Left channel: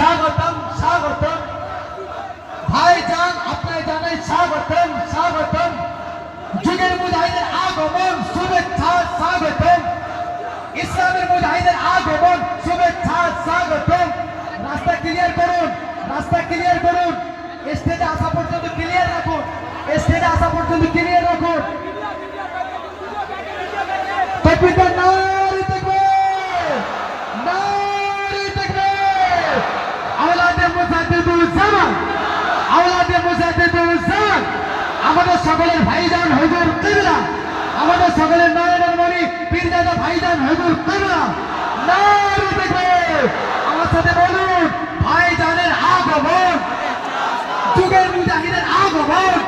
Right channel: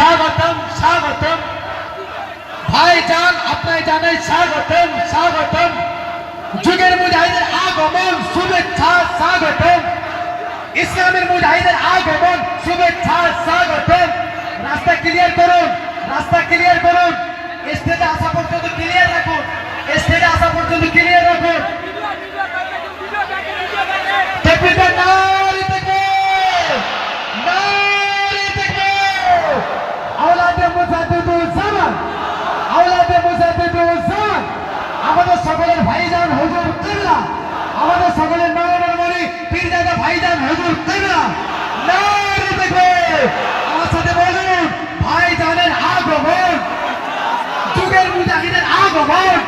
স্বাগতম স্বাগতম ভাইজান আপনায় জানাই স্বাগতম স্বাগতম যুগের মুজাহিদের আগমন শুভেচ্ছা স্বাগতম ইসলামের মুজাহিদের আগমন শুভেচ্ছা স্বাগতম রাস্তা ক্লিয়ার করুন রাস্তা ক্লিয়ার করুন স্টেজে আসা পর্যন্ত ক্লিয়ার রাখুন স্টেজে আসা পর্যন্ত ক্লিয়ার রাখুন নারী আমাদের সকলের ভাইজান হজুর কিবলা আমাদের সকলের নয়নের মণি পীরজাদা ভাইজান হজুর কিবলা আমার সাথে বলুন, ভাইজানের আগমন। যুগের মুজাহিদের আগমন।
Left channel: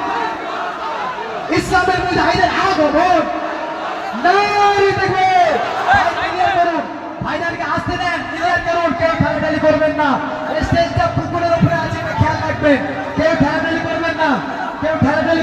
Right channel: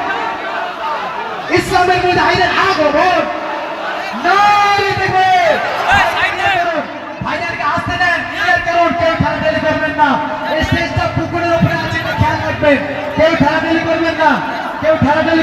ইসলামের মুজাহিদের আগমন।